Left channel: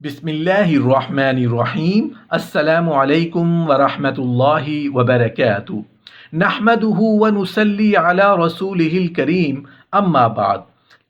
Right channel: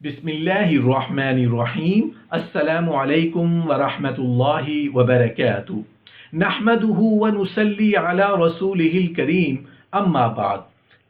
बिस्मिल्लाहिर्रहमानिर्रहीम अस्सलामु अलैकुम वरहमतुल्लाहि वबरकातुहू नहमदुहु व नुसल्ली अला रसूलिहिल करीम अम्मा बाद।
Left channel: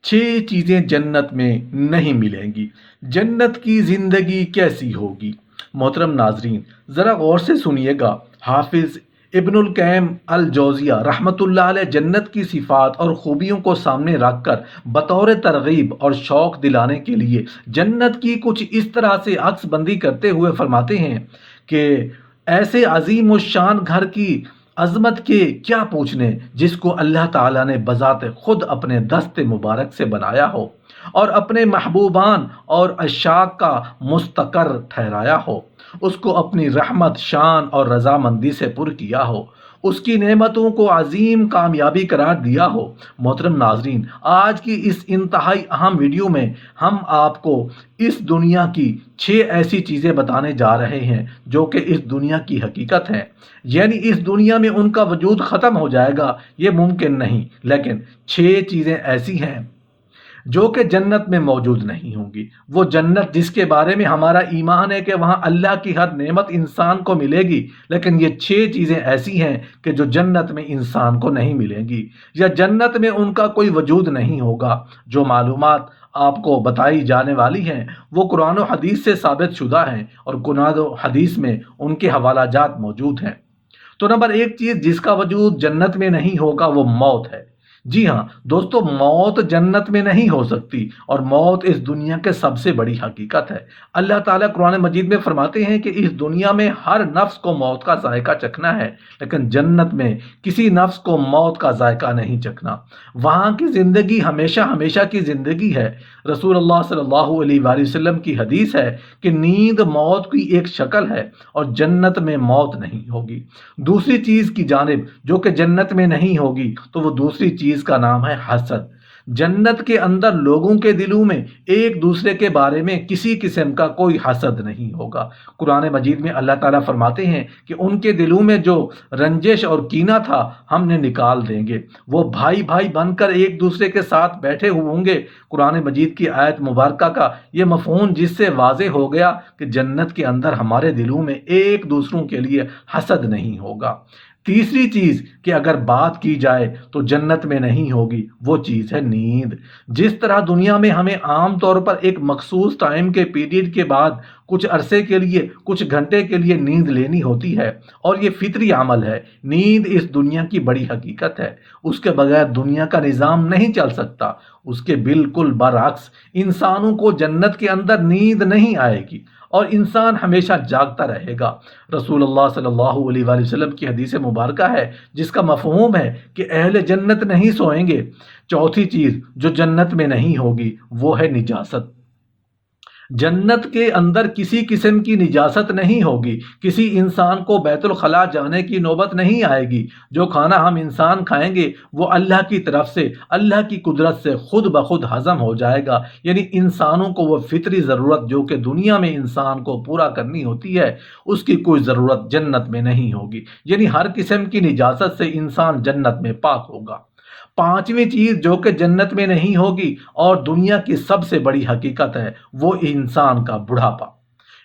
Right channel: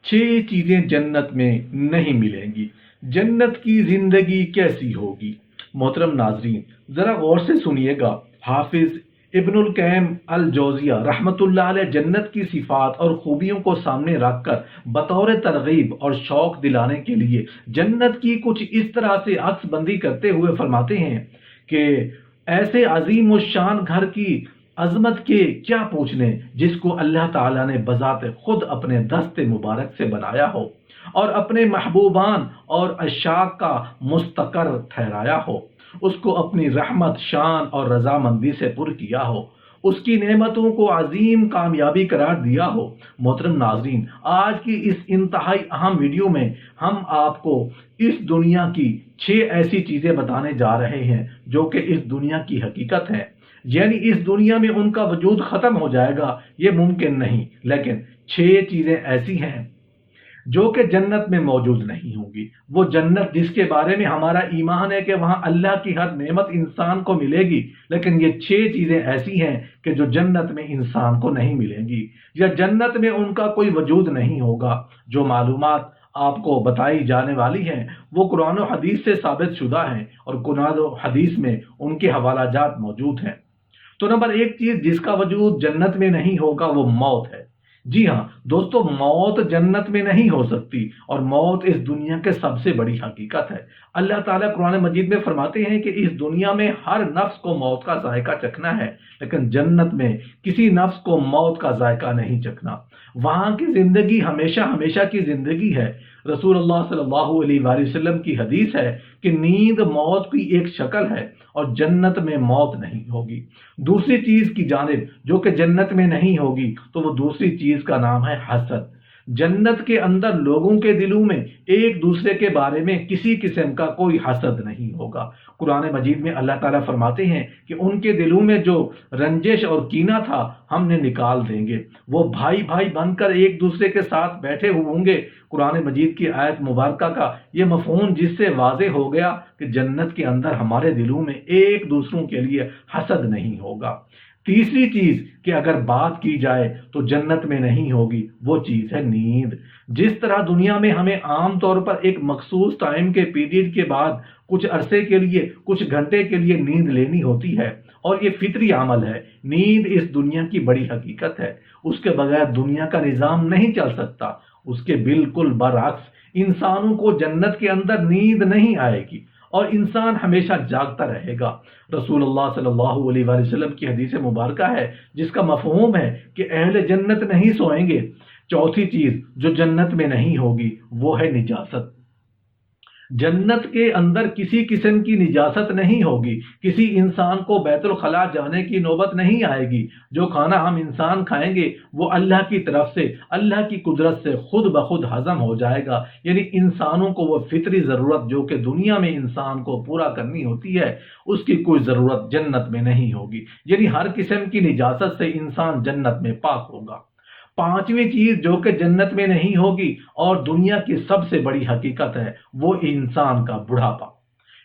छह चीज़ें जन्नत में नहीं मिलेंगी। जन्नत की ज़िंदगी कैसी होगी? मोहतरम नाजरीन, ज़रा गौर से सुनिएगा। हाफिज़ इब्नुल क़य्यिम अल जौज़िया रहमतुल्लाह अलैह जन्नत की सिफ़ात और ख़ूबियों को सामने रखकर बतौर तरग़ीब और शौक़ दिलाने के लिए जन्नत की कुछ इस तरह से अक्सबंदी करते हुए फरमाते हैं कि ऐसे अज़ीम व शान घर की अज़मत के क्या पूछने, जिसको अल्लाह ताला ने बज़ात ख़ुद अपने दस्ते मुबारक से बनाया हो और अपने महबूबान और अशाक का मुस्तकर ठहराया हो, उसको अपनी रहमत, शान और रज़ामंदी से पुर किया हो, उसकी नेमतों को अजीम कामयाबी करार दिया हो। मोहतरम नाजरीन, आज की इस इंतहाई अहम वीडियो में हम आपको इस दुनिया की 6 ऐसी चीज़ें बताने जा रहे हैं जो कि इस दुनिया की हकीकत है। यानी इस दुनिया में उनका वजूद ख़त्म हो जाएगा, ये मुमकिन नहीं, लेकिन 6 चीज़ें ऐसी हैं जो कि जन्नत में मौजूद नहीं होंगी। वो जन्नत जिसके बारे में हमारा ईमान है कि वहाँ अल्लाह की हर नेमत इंसान को मिलेगी, लेकिन ये 6 चीज़ें ऐसी हैं कि जो जन्नत में इंसान को नहीं मिलेंगी, या जन्नत में उनका कोई वजूद नहीं होगा। जो मालूमात आपको बताई जाने वाली हैं वो कुरान और हदीस से साबित शुदा हैं और कुरान और हदीस में उनके हवालाजात मौजूद हैं। तो नंबर 1 चीज़ जिसका वजूद जन्नत में नहीं होगा वो मौत है। जी हाँ दोस्तों, मौत जन्नत में नहीं हो सकती और मौत इस दुनिया के सबसे बड़ी हकीकत है। अल्लाह ताला कुरान मजीद में फरमाते हैं कि इस दुनिया में हर नफ्स को मौत का जायका चखना है, लेकिन जन्नत में किसी नफ्स को मौत का जायका नहीं चखना। वहाँ की ज़िंदगी हमेशा हमेशा की ज़िंदगी है। रसूलुल्लाह सल्लल्लाहु अलैहि वसल्लम की हदीस है कि नींद मौत की एक शक्ल है और जन्नत में मौत नहीं होगी। दूसरी चीज़ की जानिब जो कि जन्नत में नहीं होगी, तो वो दूसरी चीज़ का नाम है हसद। जन्नत के अंदर लोगों के दिलों में एक दूसरे के बारे में किसी किस्म का कोई हसद नहीं होगा। कुरान मजीद में अल्लाह ताला फरमाते हैं कि उनके दिलों में जो रंजिश और कीना था हमने निकाल देंगे। वो भाई भाई बनकर एक दूसरे के साथ बैठे हुए होंगे। कुरान मजीद की आयत मुबारक का ये मफ़हूम जिससे वाज़े हो गया कि जन्नत के अंदर हमारे दिलों में एक दूसरों के लिए हसद नहीं होगा। तीसरी चीज़ कि अगर बात की जाए तो जन्नत में नहीं होगी, वो चीज़ है नींद। जिस तरह दुनिया में हमें आम तौर पर एक मखसूस टाइम के पीरियड के बाद कुछ अरसे के लिए, कुछ घंटे के लिए नींद लेनी होती है और ये फितरी अमल है। नींद इस दुनिया की बड़ी हकीकत है, उसके बगैर दुनिया का निज़ाम नहीं चल सकता। उसके बिल्कुल बरअक्स इंसानों को जन्नत के अंदर नींद नहीं आएगी और इंसान हमेशा जागता रहेगा। रसूलुल्लाह सल्लल्लाहु अलैहि वसल्लम की हदीस मुबारक है जिसका मफ़हूम है कि अहले जन्नत नहीं सोएंगे। चौथी चीज़ जो जन्नत में नहीं होगी वो है निजासत। जन्नत के अंदर किसी किस्म की निजासत नहीं होगी। किसी इंसान को बैतुल खला जाने की नौबत नहीं आएगी। जो खाना हम इंसान खाएंगे वो अल्लाह की तरफ से, अल्लाह की कुदरत से खुद ब खुद हज़म हो जाएगा। यानी इंसानों को वो फितरी ज़रूरत जो कि दुनिया में इंसान को पूरा करनी होती है, उसकी कोई ज़रूरत जन्नत में नहीं होगी। यानी हर किस्म की निजासत से इंसान जन्नत में पाक होगा। पांचवी चीज जो कि जन्नत में नहीं होगी और दुनिया की सबसे बड़ी हकीकत है वो इंसान का बुढ़ापा।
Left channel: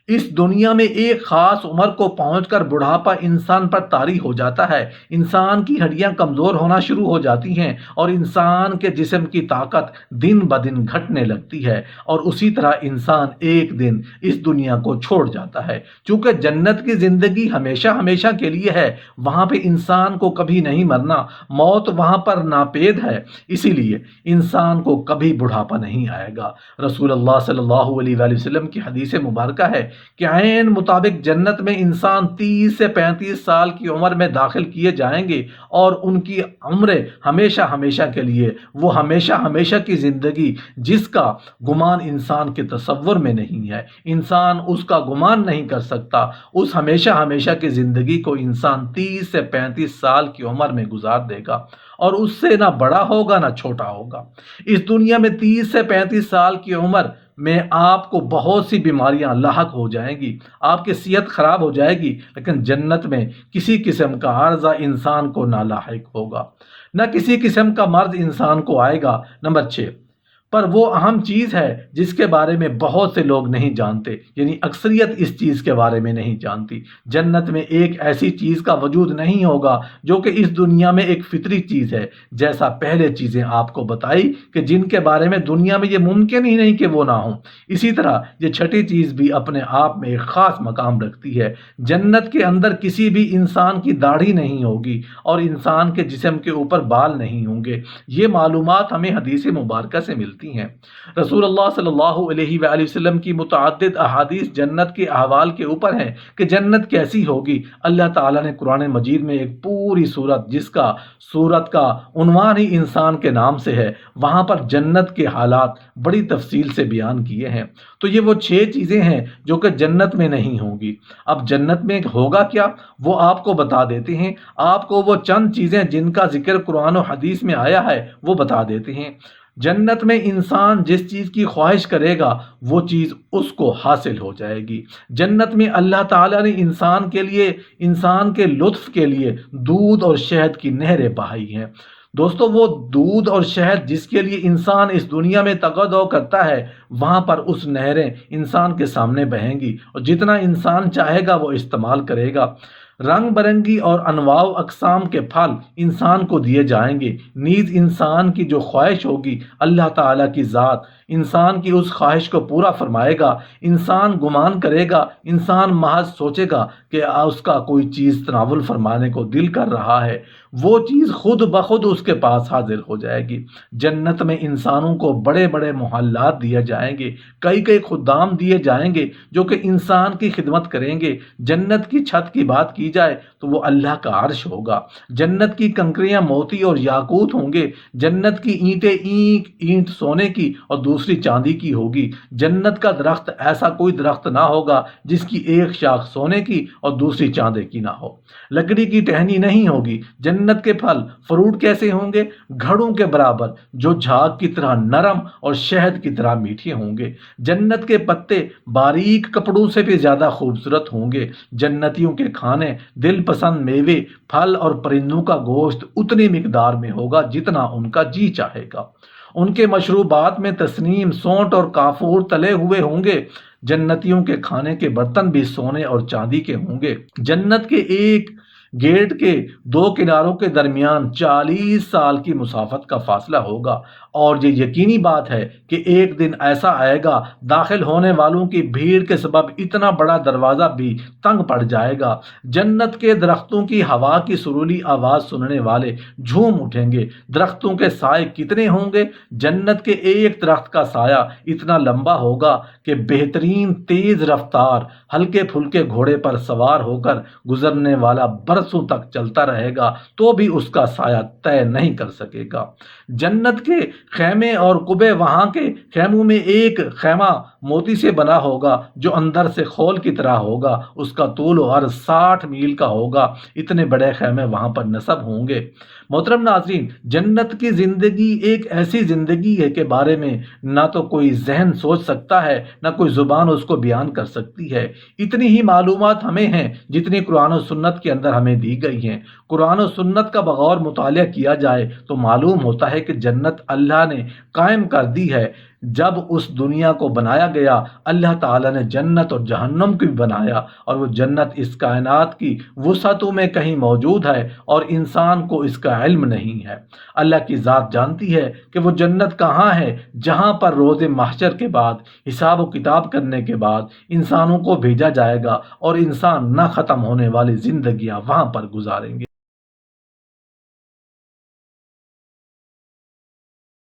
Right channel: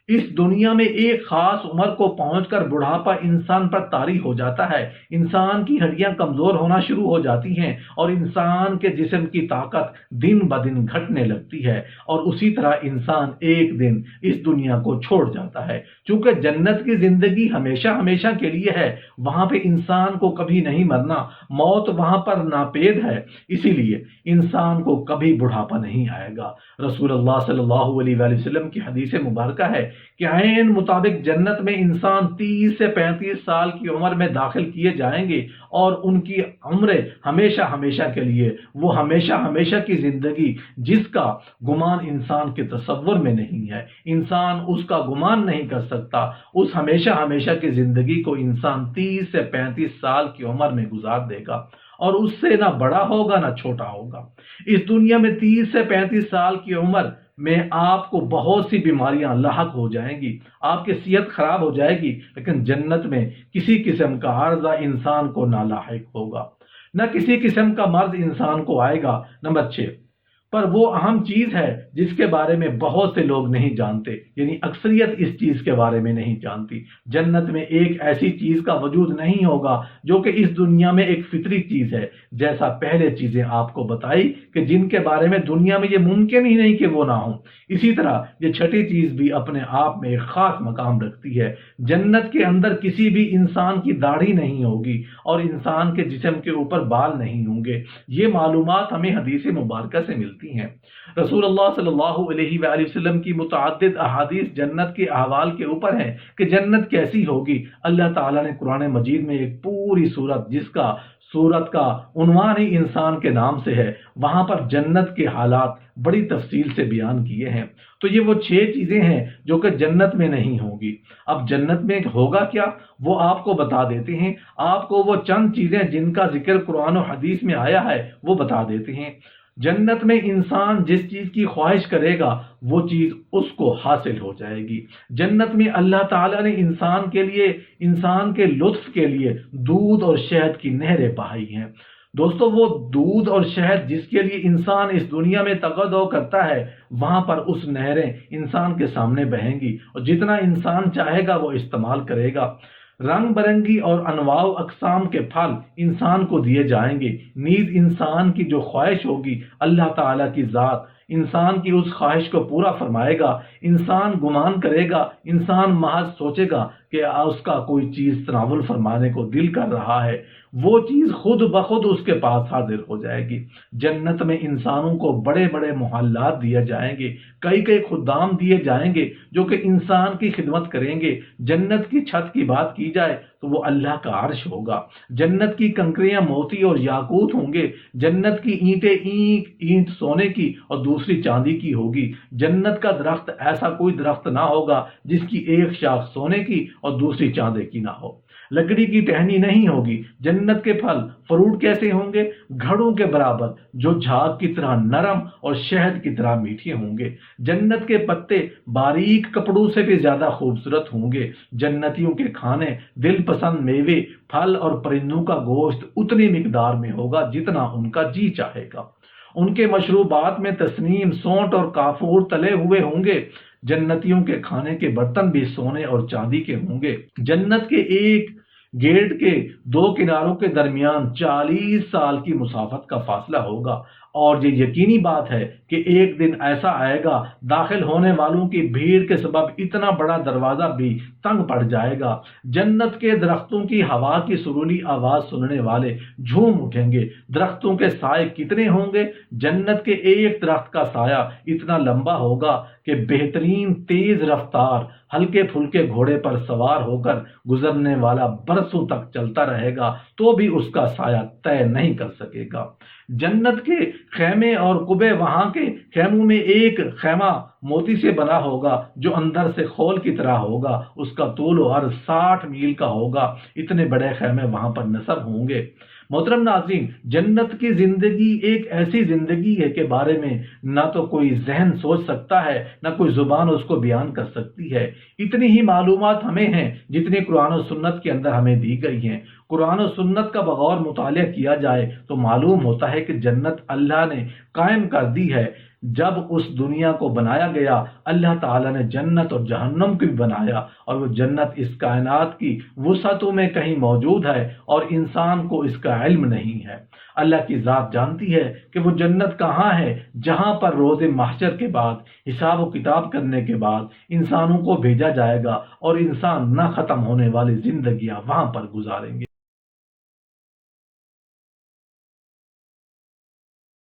इस दुनिया में एक खास उम्र को पहुंचकर बुढ़ापा इंसान पर तारी हो जाता है। इंसान की हड्डियां कमजोर होना शुरू हो जाती हैं और इंसान के जिस्म की ताकत दिन ब दिन घटने लगती है और उसी तरह इंसान एक दिन इस दुनिया को छोड़ जाता है। चूंकि जन्नत की जिंदगी हमेशा हमेशा के लिए है, वहां पे इंसान को कभी नहीं मरना, मौत वहां पर नापेद है, इसीलिए इंसान को कभी बुढ़ापा नहीं आएगा। रसूलुल्लाह सल्लल्लाहु अलैहि वसल्लम की हदीस मुबारक है कि ऐन मुताबिक जन्नत में इंसान 30 से 35 साल की उम्र में दाखिल किए जाएंगे और उनकी उम्र हमेशा हमेशा के लिए, वो हमेशा हमेशा की ज़िंदगी जिसका गुमान इंसान के तसव्वुर में नहीं है, इंसान उसका गुमान नहीं कर सकता। उस हमेशा हमेशा की ज़िंदगी को इंसान 30 से 35 साल की उम्र में गुजार देगा और उससे ना बड़ा होगा ना छोटा होगा। इस दुनिया में 30 से 35 साल की उम्र में आपको बहुत सी बीमारियां लाहक हो जाएंगी, आपकी सेहत खराब हो जाएगी, लेकिन जन्नत में किसी किस्म का अर्जा इंसान को ना लाहिक होगा, न किसी किस्म का मर्ज इंसान को आएगा। नंबर 6, پر وہ اہم چیز ہے جس کے بارے میں بہت سے لوگ نہیں جانتے، یعنی اکثریت اس چیز کے بارے میں نہیں جانتی۔ جنت میں ایک ایسی چیز کا وجود نہیں ہوگا جو کہ اس دنیا میں ایک فطری چیز ہے، جیسا پہلے چیزیں آپ کو بتائی کہ جن کے بارے میں دنیا میں یہ ممکن ہی نہیں کہ وہ نہ ہوں۔ اسی طرح یہ چھٹی چیز بھی اپنے آپ میں ایک خاص مقام رکھتی ہے۔ جنت کے اندر کسی بھی انسان کی داڑھی نہیں ہوگی اور انسان کے جسم کے اوپر بال نہیں ہوں گے۔ یہ معلومات ہمیں حدیث مبارکہ سے ملتی ہیں۔ رسول اللہ صلی اللہ علیہ وآلہ وسلم کی متعدد احادیث جنت کے احوال کے اوپر ہیں کہ جنت کیسی ہوگی۔ اللہ تعالیٰ نے قرآن مجید میں ایک پوری سورت، جس کا سورت کا عنوان ہی انسان کے نام سے ہے، وہاں پر جنت کے حالات بڑی تفصیل سے بیان کیے ہیں۔ تو یہ وہ 6 چیزیں ہیں جو کہ جنت میں نہیں ہوں گی۔ اب جنت میں ہوگا کیا، وہ آپ کو بتا دیتے ہیں۔ آپ کو وہ چند چیزیں جن کا ذکر قرآن و حدیث میں آیا ہے وہ بتا دیتے ہیں۔ جنت میں انسان جس چیز کی خواہش کرے گا وہ چیز اس کو حاصل ہو جائے گی۔ جنت میں اللہ تعالیٰ نے انسان کے لیے، انسان کے لطف کے لیے دودھ اور شہد کی نہریں بہائی ہیں۔ دوستو، وہ دودھ اور شہد جس کے لیے انسان اس دنیا میں تقاضا کرتا ہے، وہاں پر اس نہریں انسان کے سامنے بہیں گی اور جتنا انسان چاہے گا وہ استعمال کرے گا۔ رنگ برنگی اور انواع و اقسام کے پھل انسان کو دیے جائیں گے۔ نیز انسان کی جو خواہش ہوگی، اللہ تعالیٰ کی ذات انسان کی اس خواہش کو پورا فرمائے گا۔ انسان گمان کرے گا، انسان محض سوچے گا کہ اس کا کوئی چیز تناول فرمانے کو دل کر رہا ہے، وہ چیز خود بخود اس کے پاس حاضر ہو جائے گی۔ جنت میں انسانوں کو بڑے بڑے محلات دیے جائیں گے، کئی خدام دیے جائیں گے جو کہ انسان کی خدمت کریں گے۔ جنت کی چھت کی بات کی جائے تو وہ اللہ کا عرش ہوگا۔ جنت کی کنکریاں موتی اور یاقوت ہوں گے۔ جنت کی اینٹیں اینٹ سونے کی اور دوسری چاندی کی ہوگی۔ جنت کا درخت ایسا کوئی درخت نہ ہوگا جس کی ایک شاخ سونے کی اور دوسری چاندی کی نہ ہو۔ لکڑی کی ٹہنی نہیں ہوگی۔ جنت کے پھل فروٹ کیسے ہوں گے؟ گھڑوں کے برابر، جو جھاگ کی طرح نرم اور شہد کی طرح میٹھے ہوں گے۔ جنت کے پتے باریک کپڑوں سے بھی زیادہ خوبصورت ہوں گے۔ جنتیوں کے کھانے دل پسند میوے، پھل اور پرندوں کا گوشت اتنی مقدار میں ہوگا جتنا ان کا جی چاہے گا۔ ان کے مشروبات میں تسنیم، سونٹ اور کافور تلے ہوئے ہوں گے۔ جنتیوں کے کھانے کے برتن بھی سونے اور چاندی کے ہوں گے۔ جنت کے ایک گیٹ کے 2 کناروں کے درمیان 40 سال کی مسافت کا فاصلہ ہوگا، اور یہ یقینی بات ہے کہ ایک دن ایسا آئے گا داخل ہونے والوں کی بھیڑ کے سبب اتنا بڑا دروازہ بھی تنگ پڑ جائے گا۔ جنت کے درختوں کی ہوا کی سریلی آواز سننے والے جھوم اٹھیں گے۔ درختوں کے سائے کتنے ہوں گے؟ جنت کے ایک درخت کا سایہ اتنا لمبا ہوگا کہ بہترین تیز رفتار ہلکے پھلکے گھوڑے پر سوار ہو کر گزرنے والا برسوں تک چلتا رہے گا تو بھی اس کا سایہ طے نہیں کر سکے گا۔ جنت کے خیمے اور قبے، وہاں کے خیموں میں ایک خیمہ موتی سے بنا ہوگا جو اندر سے خول کی طرح ہوگا، اس کا طول و عرض 60 میل کا ہوگا۔ اتنے بڑے خیمے وہاں پر نصب ہوں گے۔ محترم ناظرین، جنت کی زندگی ایک ایسی زندگی ہے کہ بارے میں نہ تو کوئی ذہن سوچ سکتا ہے، نہ کوئی زبان اس کو بیان کر سکتی ہے۔ اتنی ہی معلومات ہمیں ہیں جتنی قرآن و سنت کے اندر ہمیں دی گئی ہیں۔ قرآن و سنت کا بغور مطالعہ کیا جائے تو معلوم ہوتا ہے کہ جنت اللہ نے قائم کر دی ہے۔ جب اس دنیا کو بنایا گیا، اللہ تعالیٰ نے جنت اور جہنم کو بھی بنایا، اور وہ جنت اس کائنات کی وسعتوں میں کہیں موجود ہے اور انسان کو اس کا علم نہیں ہے۔ اللہ کی ذات جانتی ہے کہ وہ جنت کہاں ہے جہاں پر روز محشر کے بعد، حساب و کتاب کرنے کے بعد انسانوں کو بھیجا جائے گا اور انسان نہ ختم ہونے والی زندگیاں وہاں پر گزاریں گے۔